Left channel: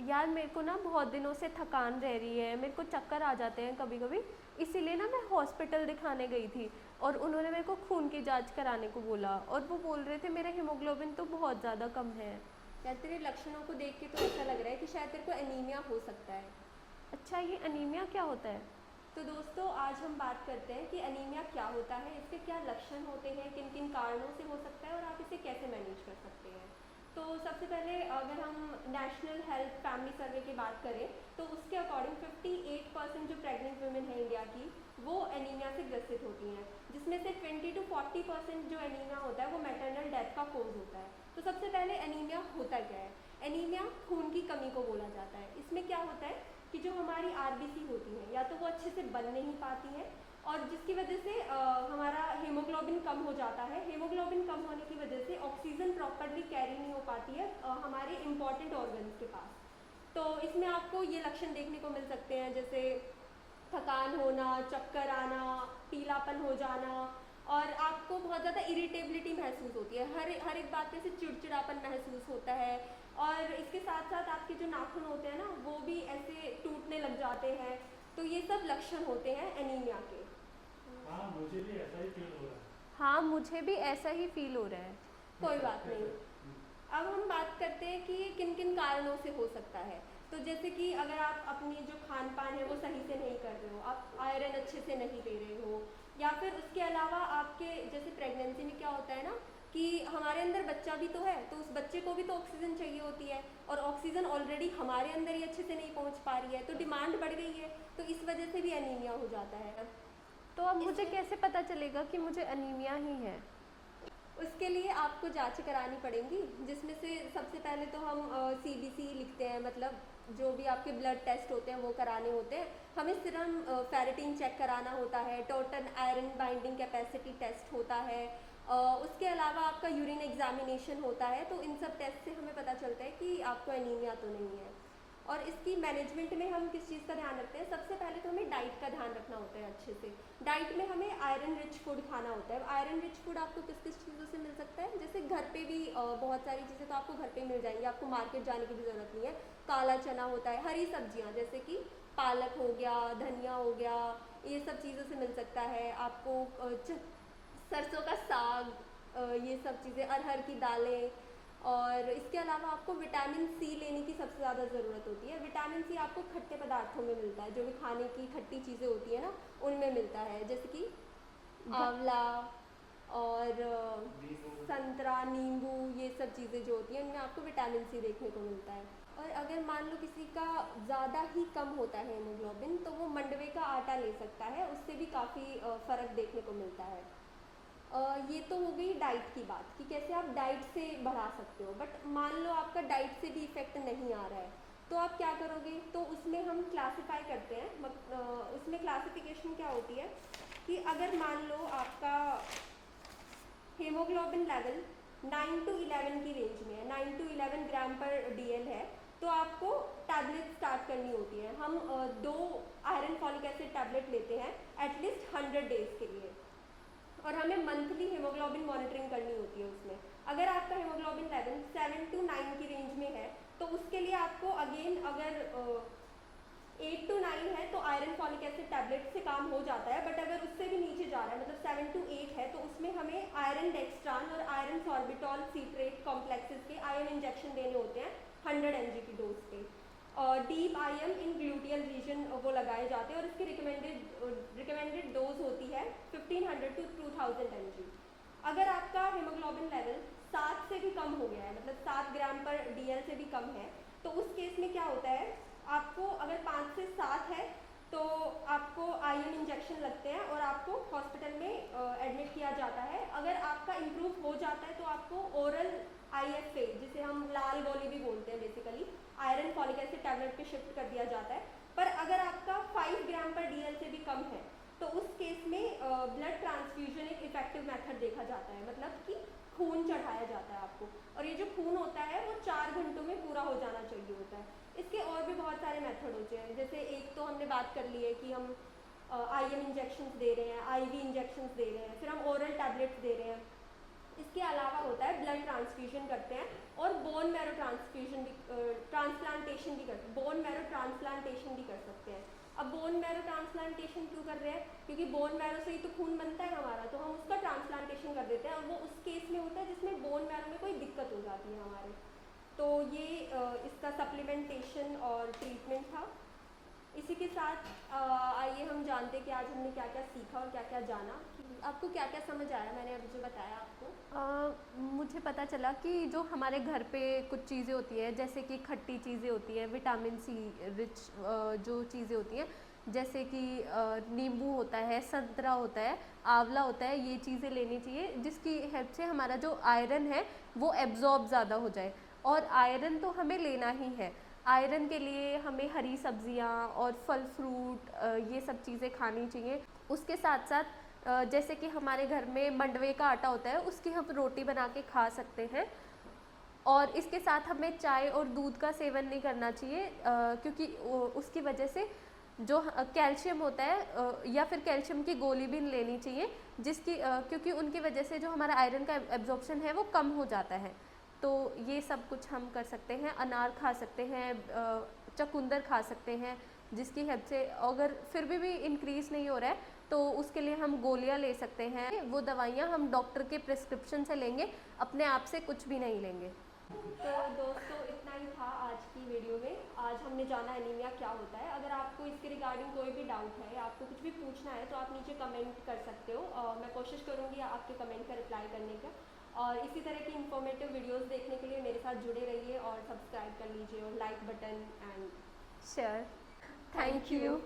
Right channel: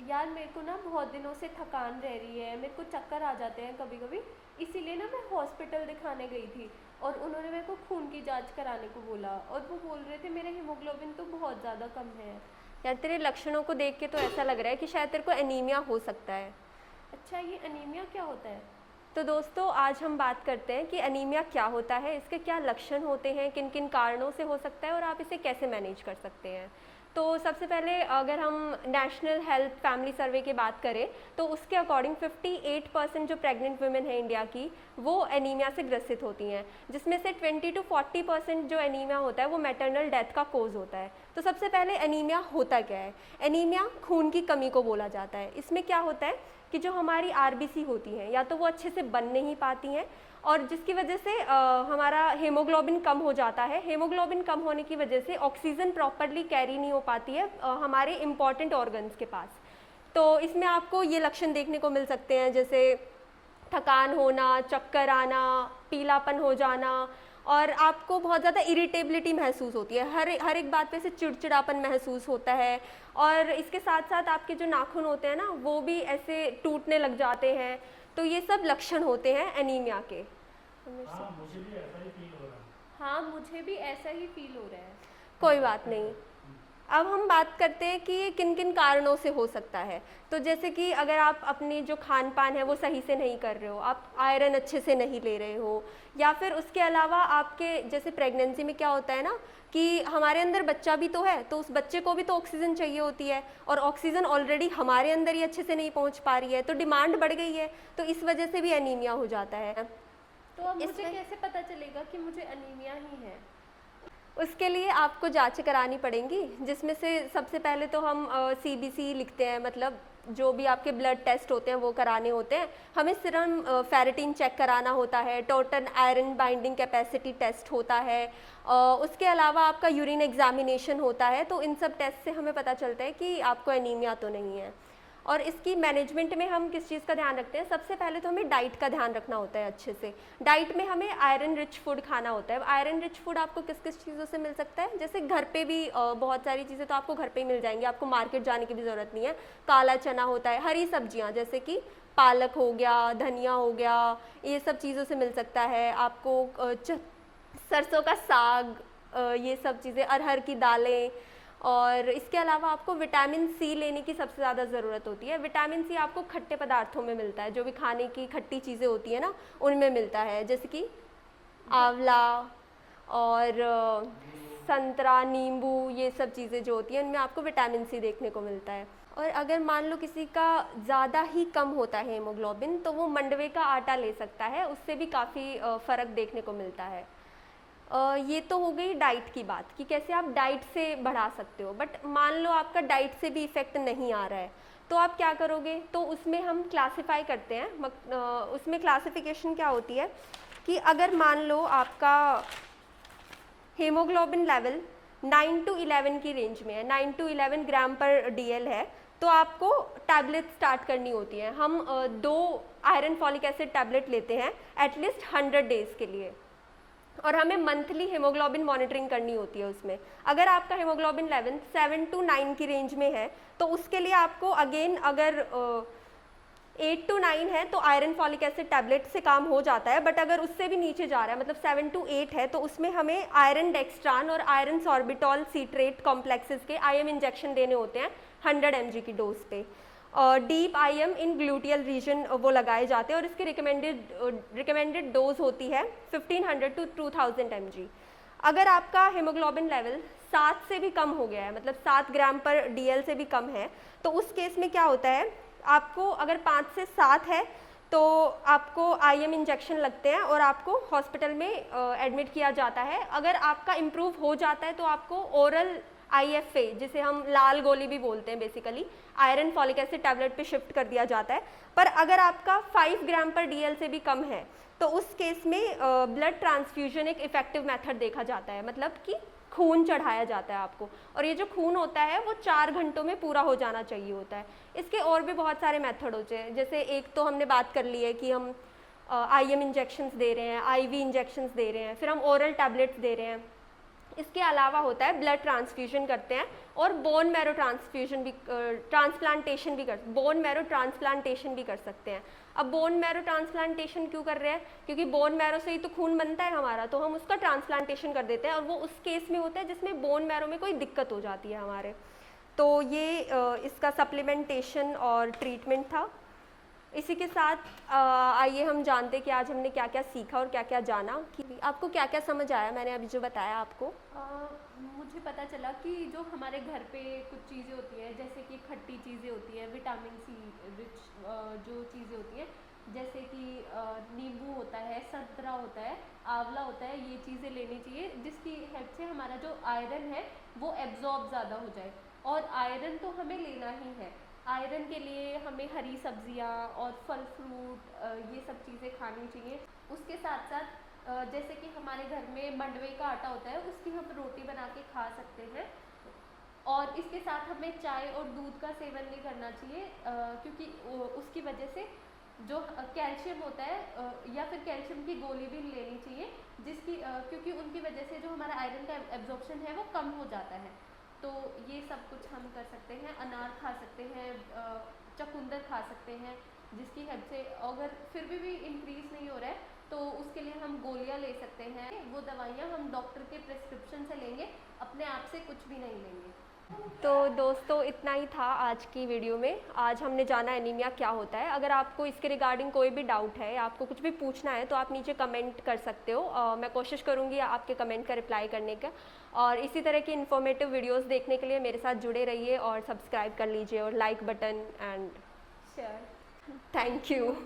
यार मेरे को ना बहुत दिनों से थकान रह रही है, मेरे को चक्कर आ जाते हैं कभी कभी। इसीलिए ना मैं हॉस्पिटल दिखाने गई थी और उन्होंने मेरे को खून की जांच कराने को बोला और वो बोल रहे थे मेरा हीमोग्लोबिन तो बहुत ज़्यादा कम है। यार तेरे लक्षणों को देख के तो ऐसा लग रहा है कि शायद तेरे को एनीमिया हो सकता है। अच्छा, ये अनीमिया क्या होता है? तो दोस्तों आज हम बात करते हैं कि एनीमिया क्या होता है, इसके क्या लक्षण होते हैं, किन किन कारणों से हो सकता है और आप इसे कैसे मैनेज कर सकते हैं। तो सबसे पहले अगर हम नेशनल हेल्थ फैमिली सर्वे की बात करें तो उसके अकॉर्डिंग 58% जो प्रेग्नेंट वुमेन है इंडिया की वो एनीमिया से ग्रसित होती हैं, जिसमें से 20 to 40% जो एनीमिया होता है वो मैटरनल डेथ का कोज होता है। तो सबसे पहले एनीमिया होता क्या है? एनीमिया खून की कमी को बोला जाता है। इसमें क्या होता है कि जो हमारी आरबीसी होती हैं या तो वो अच्छे से बन नहीं पाती हैं और जिसकी वजह से हमारा हीमोग्लोबिन कम हो जाता है। हीमोग्लोबिन कम होने की वजह से ऑक्सीजन प्रॉपरली कैरी नहीं हो पाती है हमारे इम्पॉर्टेंट ऑर्गन्स के पास। तो इसमें आपको ये लक्षण देखने को मिल सकते हैं जैसे थकान होना, चक्कर आना, पीलापन हो जाना और आपको बहुत ज़्यादा इरिटेबिलिटी महसूस होती है। हर एक बात पे से चिड़चिड़ापन महसूस होता है और इसके साथ साथ आपके जो नाखून होते हैं ना वो भी ऐसे टूटने लग जाते हैं। तो ये सब लक्षण होते हैं एनीमिया के। हाँ, मुझे भी ऐसा ही फील हो रहा है। हाँ, मुझे भी ऐसा ही फील हो रहा है। कोई बात नहीं। अब हम बात करते हैं कि ये किन किन कारणों से हो सकता है। तो जैसे कि अगर आप अपनी जो खान पान है वो सही से नहीं कर रहे हो, आप आयरन अच्छे से नहीं ले रहे हो, या फिर उसके अलावा आपके जैसे प्रेगनेंसी में क्या होता है ना कि हमारे अंदर बच्चा भी तो है, तो उस बच्चे को भी तो ऑक्सीजन चाहिए होती है और ऑक्सीजन ऑलरेडी हमारे अंदर ही अच्छे से नहीं पहुंच पा रही है, तो डिमांड बढ़ गई है, तो इस वजह से भी एनीमिया हो जाता है। तो अब मुझे इसमें कैसे पता चलेगा कि मुझे अनीमिया ही है? उसके लिए आपको जांच करानी पड़ेंगी, जिसमें से सबसे पहले तो हम सीबीसी लिखते हैं, मतलब जो भी आपके ब्लड टेस्ट होते हैं वो कराने होते हैं। हमें सीरम फेरेटिन चेक कराना होता है, total iron binding capacity test होता है, उसके अलावा आपका यूरिन एग्जामिनेशन होता है। तो इन सब टेस्ट से हमें पता चलता है कि आपको एनीमिया तो नहीं है। और इसकी मैनेजमेंट में हम किस चीज़ का ध्यान रखते हैं? सबसे पहले तो हमें डाइट का ध्यान रखना होता है अच्छे से। डाइट में हमें आयरन रिच फूड खाना होता है। आयरन रिच फूड आपको किस किस चीज़ों से मिल सकता है? जैसे घर पे भी बहुत सारी चीज़ें तो आपको घर पे ही मिल जाएंगी, आपको मार्केट जाने की भी ज़रूरत नहीं है। काला चना होता है, हरी सब्जियाँ जैसे कि पालक हो गया, धनिया हो गया, ये सब चीज़ों से मिल सकता है आपको। सरसों का साग, ये सब चीज़ें, अरहर की दालें। और इसके अलावा आपको विटामिन सी लेने की सबसे ज़्यादा ज़रूरत होती है। विटामिन सी आपको खट्टे पदार्थों में मिलता है, जो भी खाने की खट्टी चीज़ें होती है ना उनमें मिलता है, जैसे कि आंवला और संतरा, नींबू, ये सब चीज़ें जो होती हैं उनमें आपको विटामिन सी देखने को मिलता है। और अगर मान लो किसी का ज़्यादा ही कम होता है हीमोग्लोबिन, तो वो मंडवे का आटा ले सकता है, उससे भी काफ़ी फ़र्क देखने को मिलता है। ये तो हो गई डाइट की बात कि कैसे आप डाइट से बढ़ा सकते हो। बट मान लो आपका डाइट से भी इफेक्ट नहीं आ रहा है, तो आप क्या करोगे? तो उसमें हम क्लासिफाई करते हैं। उसमें क्लासिफिकेशन क्या होती है कि अगर मान लो आपका हीमोग्लोबिन लेवल 9 to 11 की रेंज में है, 9 to 11 ग्राम पर डीएल है, तो आपको टैबलेट स्टार्ट करनी होती है। हम 2 आयरन फॉलिक एसिड टैबलेट लेते हैं एटलीस्ट 100 डेज के लिए, और हमें मंथली हीमोग्लोबिन मॉनिटरिंग करनी होती है उसमें। अगर आपका हीमोग्लोबिन लेवल 7 to 9 की रेंज में है तो उसके लिए आपको अगेन, अगर 8 to 9 है तो आयरन फॉलिक एसिड टैबलेट से काम हो जाता है। बट अगर उससे भी नीचे जा रहा है, मतलब 7 to 8 है, तो उसमें हमें आयरन डेक्स्ट्रान और आयरन सॉर्बिटॉल सीट्रेट कॉम्प्लेक्सेस के आईएम इंजेक्शन देने होते हैं 100 mg की डोज पे। डीप आईएम इन ग्लूटियल रीजन वो लगाए जाते हैं और इसकी रिकमेंडेड डोज होती है 1500 to 2000 mg। अगर आपका हीमोग्लोबिन लेवल 7 से भी कम हो गया है, मतलब 7 ग्राम पर डीएल से भी कम है, तो उस केस में क्या होता है, आपको अगर 5 से 7 है तो आपको आईएम इंजेक्शन लगते हैं और आपको हॉस्पिटल में एडमिट किया जाता है। अगर आपका इम्प्रूव हो जाता है तो आपको ओरल आईएफए, जिसे हम लाल गोली भी बोलते हैं, basically iron folic acid tablet पे शिफ्ट कर दिया जाता है। पर अगर आपका 5 ग्राम पर डीएल से भी कम है तो उस केस में ब्लड ट्रांसफ्यूजन एक इफेक्टिव मेथड देखा जाता है, मतलब कि खून चढ़ाया जाता है आपको, और ये जो खून होता है वो 4 घंटों में पूरा हो जाना चाहिए होता है। इसके और भी बहुत सारे मेथड होते हैं, जैसे एक तो हमने बात कर ली है कि हम आईएम इंजेक्शंस दे रहे हैं, आईवी इंजेक्शंस दे रहे हैं, फिर हम ओरल टैबलेट्स दे रहे हैं। इसके अलावा होता है ब्लड ट्रांसफ्यूजन करते हैं और बोन मैरो ट्रांसफ्यूजन भी ट्रांसप्लांटेशन भी बोन मैरो ट्रांसप्लांटेशन भी कर सकते हैं। अब बोन मैरो ट्रांसप्लांटेशन क्यों कर रहे हैं? क्योंकि बोन मैरो से ही तो खून बनता है हमारा, तो हम उसका ट्रांसप्लांटेशन कर देते हैं, और वो उस केस में होता है जिसमें बोन मैरो में कोई दिक्कत हो जाती है हमारे। तो ये इसका सप्लीमेंटेशन और ट्रीटमेंट था। इसी के साथ आइए हम जानते हैं कि आज हमने क्या क्या सीखा और क्या क्या जाना। कि आपको क्या क्या समझ आया मैंने अभी जो बताया आपको? मुझे पता चला कि जो हमारे घर पे कुछ चीज़ें होती है, जैसे कि खट्टी चीज़ें होती है, विटामिन सी रिच जो चीज़ें होती है, जैसे कि नींबू होता है, संतरा होता है, आंवला होता है, ये चीज़ें लेनी चाहिए जिसकी हेल्प से हमारा जो आयरन है वो एब्जॉर्ब ज़्यादा हो जाए। और आयरन तो हमें लेना ही है। आयरन के लिए हमें हरी सब्जियां और फल फ्रूट ये सब चीज़ें खानी चाहिए। उसके साथ साथ जैसे कि हमारे घर में मंडवे का आटा होता है, उसकी हम रोटी बना के खा सकते हैं। और इसके साथ हमें चाय और दूध का सेवन नहीं करना चाहिए, क्योंकि उसकी वजह से जो कैल्शियम होता है या फिर कैल्शियम की गोली भी लेनी चाहिए, जिसकी क्योंकि उनकी वजह से जो हमारा आयरन का एब्जॉर्प्शन है वो कम हो जाता है। तो ये सब कुछ हम कर सकते हैं। अनार खा सकते हैं, चकुंदर खा सकते हैं, जिसकी हेल्प से अगर फिर भी इंक्रीज़ नहीं हो रहा है तो उसके लिए हम गोलियां ले सकते हैं। वो दवाइयां हम डॉक्टर के प्रिस्क्रिप्शन से लेंगे, अपने आप से कुछ भी नहीं लेंगे। तो दोस्तों इतना ही था आज की वीडियो में। आज हमने जाना एनीमिया क्या होता है। अगर आपको इसके रिगार्डिंग कोई भी डाउट है या आपको कुछ भी पूछना है तो आप नीचे कमेंट कर सकते हो। मैं कोशिश करूँगी आपके कमेंट का रिप्लाई करने का। और इसी तरह की इन्फॉर्मेटिव वीडियोस देखने के लिए मेरे साथ जुड़े रहिए और सब्सक्राइब कर लीजिए और like button and share. Thank you.